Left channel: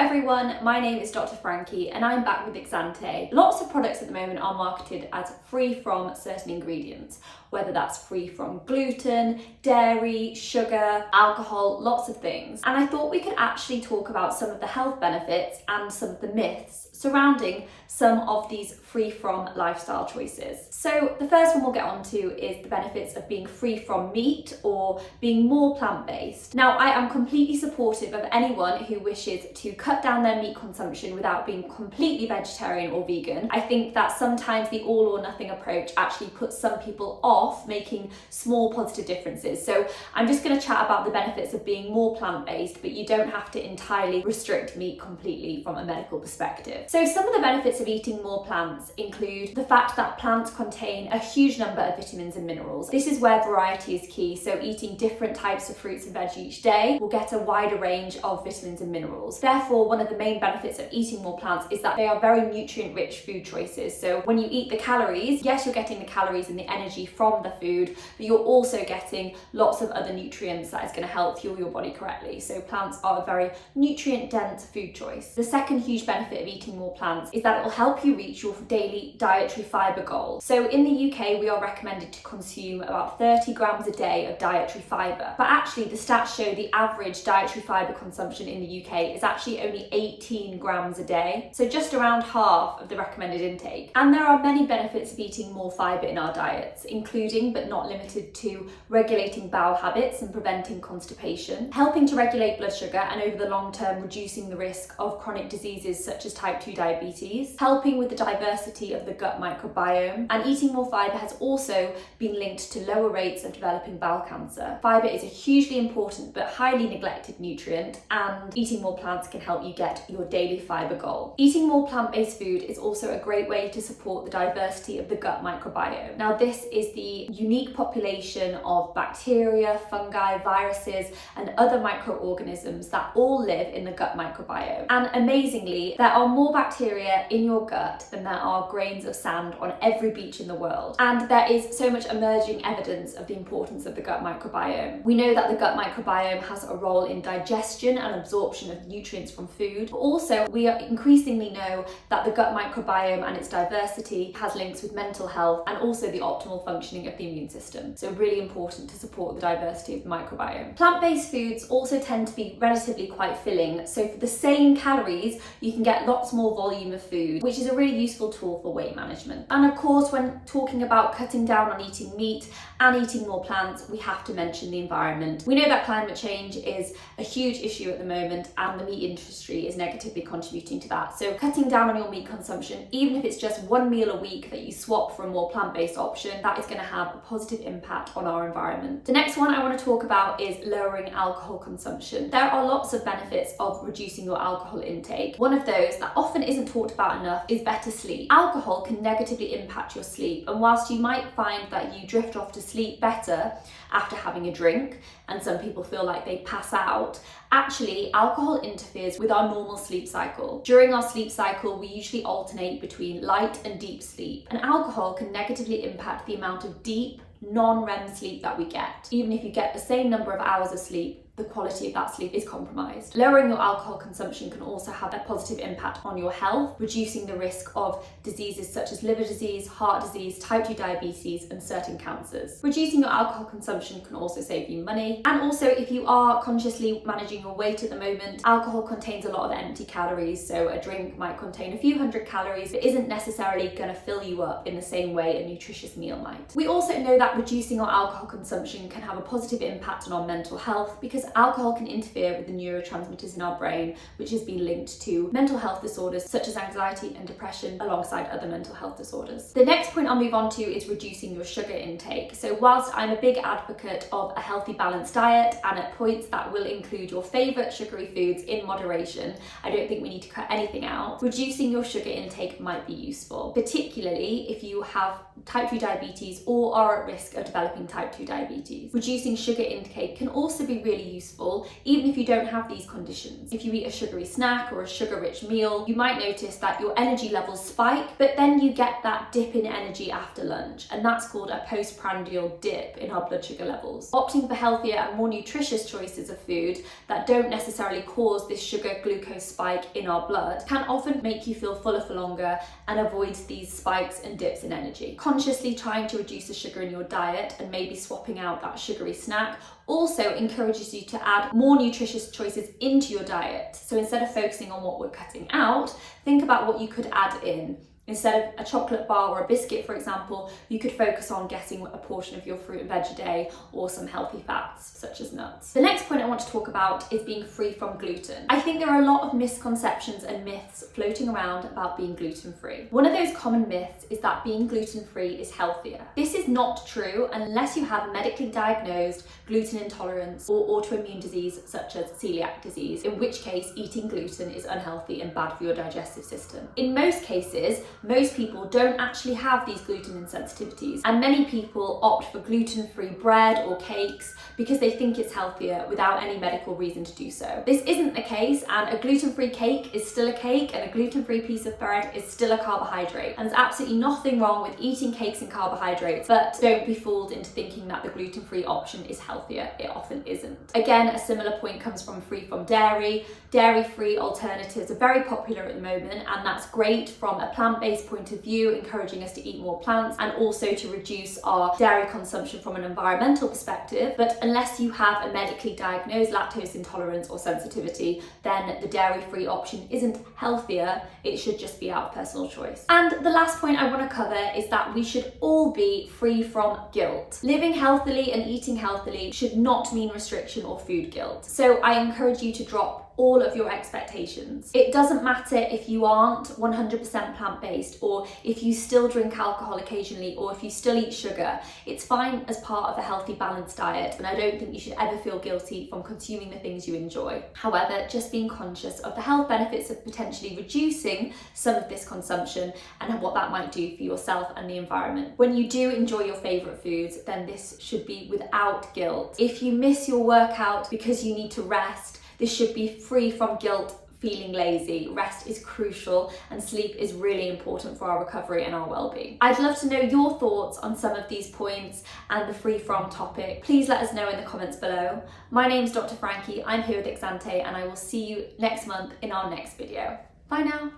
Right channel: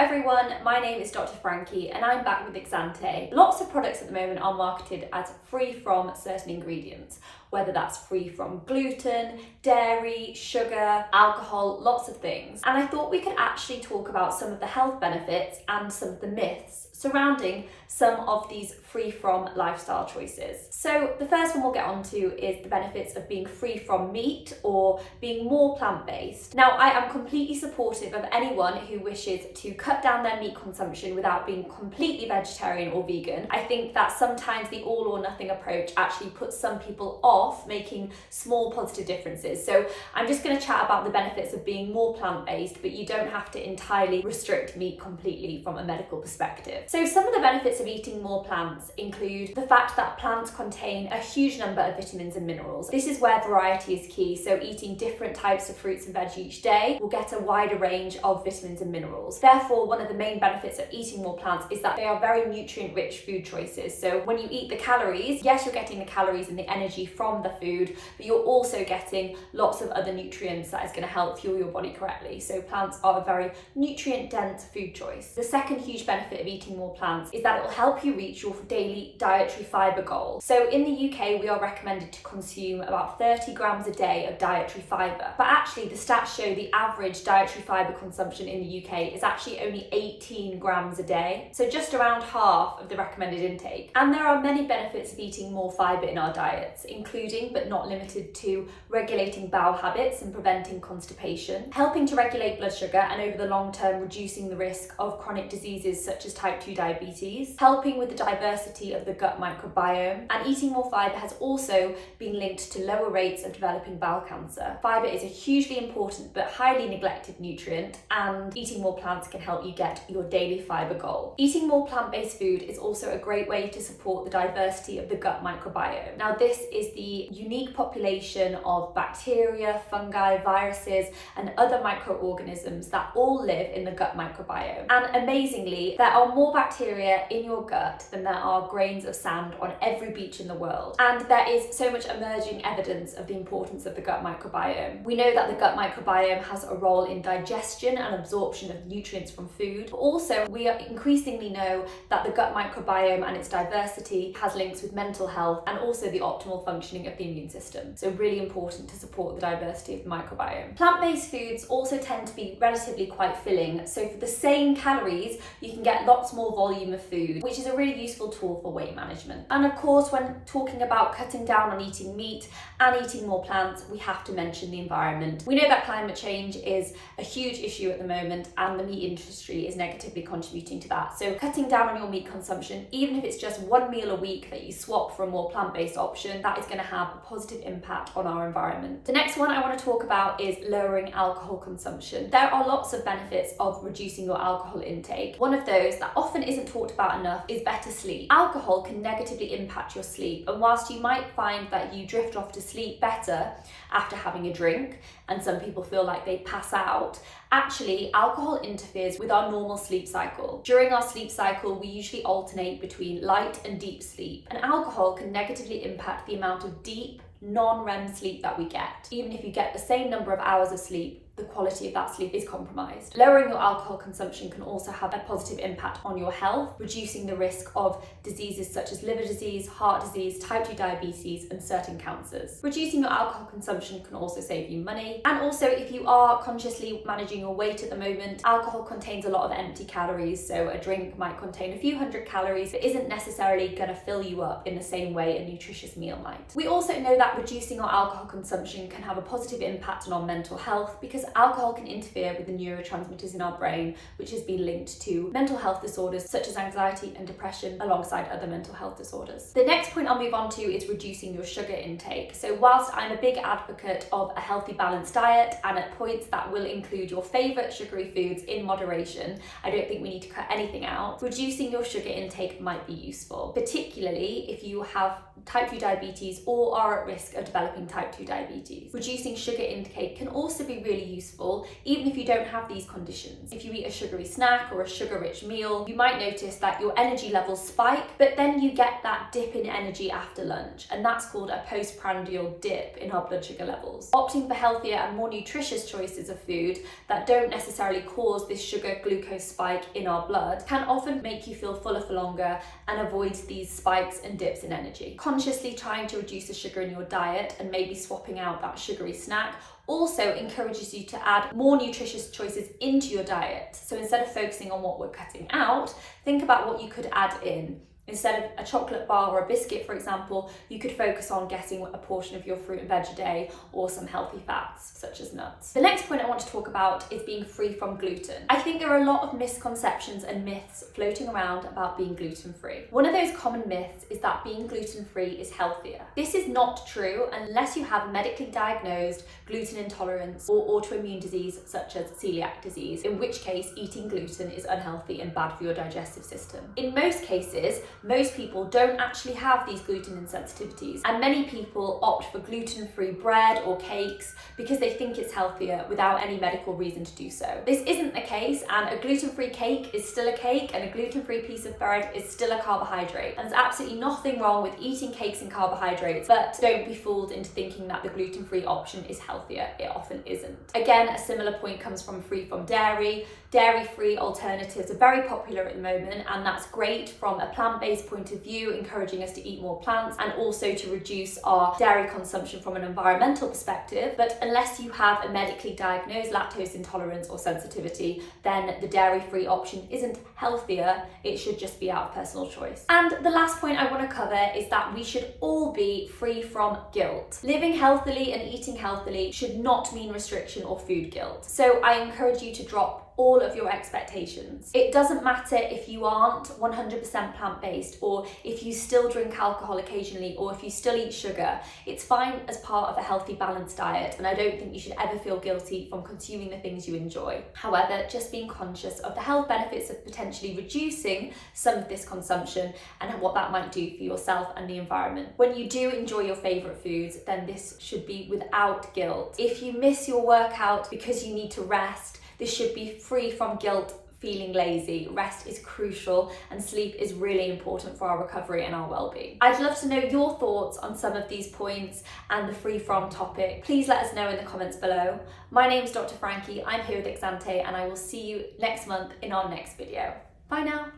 everyone, my name is Dr. Frankie and I'm back with Exante. Lots of products at the moment are marketed as free from certain ingredients, whether that's free from gluten, dairy, sugar, alcohol, lots of things. And I thought we could actually talk about some of the health benefits and some of the myths surrounding some of these free from lifestyle choices. So the first one we'll get onto is the benefits of being free from meat or being more plant-based. Now, I am completely supportive of anyone who wishes to cut down their meat consumption without being completely vegetarian or vegan. I think that sometimes the all or nothing approach actually puts some people off making small positive differences. So I'm just going to chat about the benefits of being more plant-based, but you don't have to entirely restrict meat completely from a medical perspective. So some of the benefits of eating more plants include the fact that plants contain a huge number of vitamins and minerals. This is where variety is key, so eating different types of fruits and veg each day will get a wider range of vitamins and minerals. Therefore, one of the main benefits of eating more plants is that they are very nutrient-rich food choices. So when you eat the calories, yes, you're getting the calories and the energy from the food, but you're also getting lots of other nutrients that is going to help fuel your body correctly. So plants are a very nutrient-dense food choice. The second huge benefit of eating more plants is that it will help you reach your daily dietary fibre goal. So in the UK, we are recommended to consume about 30 grams a day of dietary fibre. But actually, the stats show the average dietary fibre consumption in the UK is actually only 18 grams a day. So just around half of the recommended intake. And there are many benefits of eating more fibre in our diets, including but not limited to regulating bowel habits and preventing constipation, helping to regulate blood sugar and over the long term reducing the risk of chronic diseases such as type 2 diabetes, helping with the diversity of the gut microbiome, and eating more fibre has also been linked to lower rates of developing bowel cancer. Fibre is a hugely important but highly neglected nutrient, and eating more plants can help you get your daily fibre goal. Eating more plant-based food is also a great way to support the diversity of the gut microbiome. Now, this is the unique population of bacteria, fungi, viruses, and other microorganisms that all live in the gut microbiome. And amazingly, there are more bacteria in your gut than there are grains of sand on every beach in the world. And there is so much emerging evidence of the importance of the gut microbiome. We know that the gut microbiome has a role in digestion and absorption of nutrients from food, but also we increasingly know that the gut microbiome and its diversity has links with mental health and also the optimal functioning of the immune system. So really important to support the diversity of the microbiome. Plant-based foods also tend to be relatively quite filling. So for the same calories, you can get lots more volume of food, which is a really useful tool for weight management. And of course, when talking about cutting down on eating meat and eating more plants, we have to mention the environment. We know that climate change is a huge issue at the moment and the meat industry is negatively contributing to that. So cutting down on your meat consumption, even if it's just one meal a week that you swap for a more plant-based option, that is going to have a positive impact on our environment. The next one I want to talk about is lowering alcohol consumption. There are lots of benefits of reducing your alcohol intake. One of those that often isn't talked about enough is better sleep. Alcohol can negatively impact your sleep, and whilst you might find that you drift off to sleep better after having a drink, and some people feel like they pass out, actually alcohol interferes with our normal sleep cycle. During our sleep cycle, we usually alternate between light and deep sleep, and alcohol can negatively impact the amount of deep, non-REM sleep that we get. Even if you get the same number of hours of sleep, the quality of that sleep is compromised. Lowering your alcohol consumption can also have a positive impact on your health, reducing the risk of diseases such as liver disease, heart disease, type 2 diabetes, and certain cancers. Reducing your alcohol consumption can also save you money. And also, if you are consciously managing your weight at the moment, alcohol contains a lot of empty calories, so a drink might contain a few hundred calories that isn't necessarily going to fill you up in the same way a nutritious meal might. We also know that reducing our alcohol consumption can have a positive impact on our mental health, because alcohol can interfere with the neurotransmitters in our brain, which has been linked to mental health disorders such as anxiety and depression, alongside other mental health disorders. The next point I'll move on to is reducing your sugar intake. So whilst I'm a big advocate of a healthy balanced diet and at points that will include your favourite sugary foods in moderation, I don't think we need to cut anything out. Reducing your sugar intake might be useful, particularly if you have type 2 diabetes or are at risk of developing type 2 diabetes. Reducing sugar intake can also be really useful even if you don't have these conditions. If you eat a sugary snack or a sugar-rich meal, you might notice that your energy levels spike, but then you get that dip in energy after lunch, and that's called a postprandial dip in our blood sugar levels. Opting for healthier and more nutritious choices of food that don't necessarily cause this sugar glucose spike in our blood can often make you feel fuller for longer and avoid these spikes and dips in energy. Consciously trying to reduce the sugar in your diet and maybe swapping out that sugary snack also encourages you to add more nutritious choices into your diet. So instead of focusing on what we're cutting out, think about what you could add in. Instead of a chocolate bar or a biscuit, for example, you could focus on getting a portion of your fruit and veg a day or some healthy fats, such as nuts. The next point I want to talk about is being free from gluten. I think there are a lot of misconceptions and myths floating around about being gluten-free. One of those common myths is that being gluten-free is healthier. This is not true unless you have medically diagnosed gluten intolerance or autoimmune disease such as celiac disease, in which case eating gluten is unhealthy and bad for your digestive system. In most cases, most people don't actually have these gluten insensitivities, and many people opt for gluten-free bread or cakes because they think it's healthier without any medical reason to do so. This isn't the case, and a gluten-free cake is still a cake and a gluten-free piece of bread is still a carbohydrate. And there's absolutely nothing wrong with eating cakes and carbohydrates, but don't be fooled into thinking that the gluten-free option is healthier. It often isn't. Again, a similar point comes from free from dairy. Dairy-free alternatives are very popular at the moment, and that's great from a plant-based point of view, encouraging us to eat more plants and also to reduce our dairy consumption from an environmental perspective. But unless you have a medically diagnosed lactose intolerance or sensitivity, then the dairy-free option isn't healthier, it should just be out of personal choice. And the last point I want to cover is that we should all be free from guilt. Living healthily and eating healthily should not mean restriction or food guilt. So I encourage you to drop all of your expectations. It doesn't matter if you aren't 100% plant-based, or if you still drink alcohol occasionally, or if you still eat sugar. It's fine as part of a healthy, balanced diet, and I don't think you should ever feel guilty from consuming the things you enjoy. However, just being conscious of the health benefits of potentially reducing some of this consumption and what that might do for yourself and the environment. When you do enjoy your favourite foods, then this should be without guilt. If you miss your workout because you need to rest, this should be free from guilt, feeling lazy. Rest is crucial and sleep is really important for our recovery and our well-being. I'd love to know your thoughts on some of these points and the free from topic. Please let us know in the comments below. My name's Dr. Frankie, I'm here with Exante, and I will see you next month in our next video. Bye now.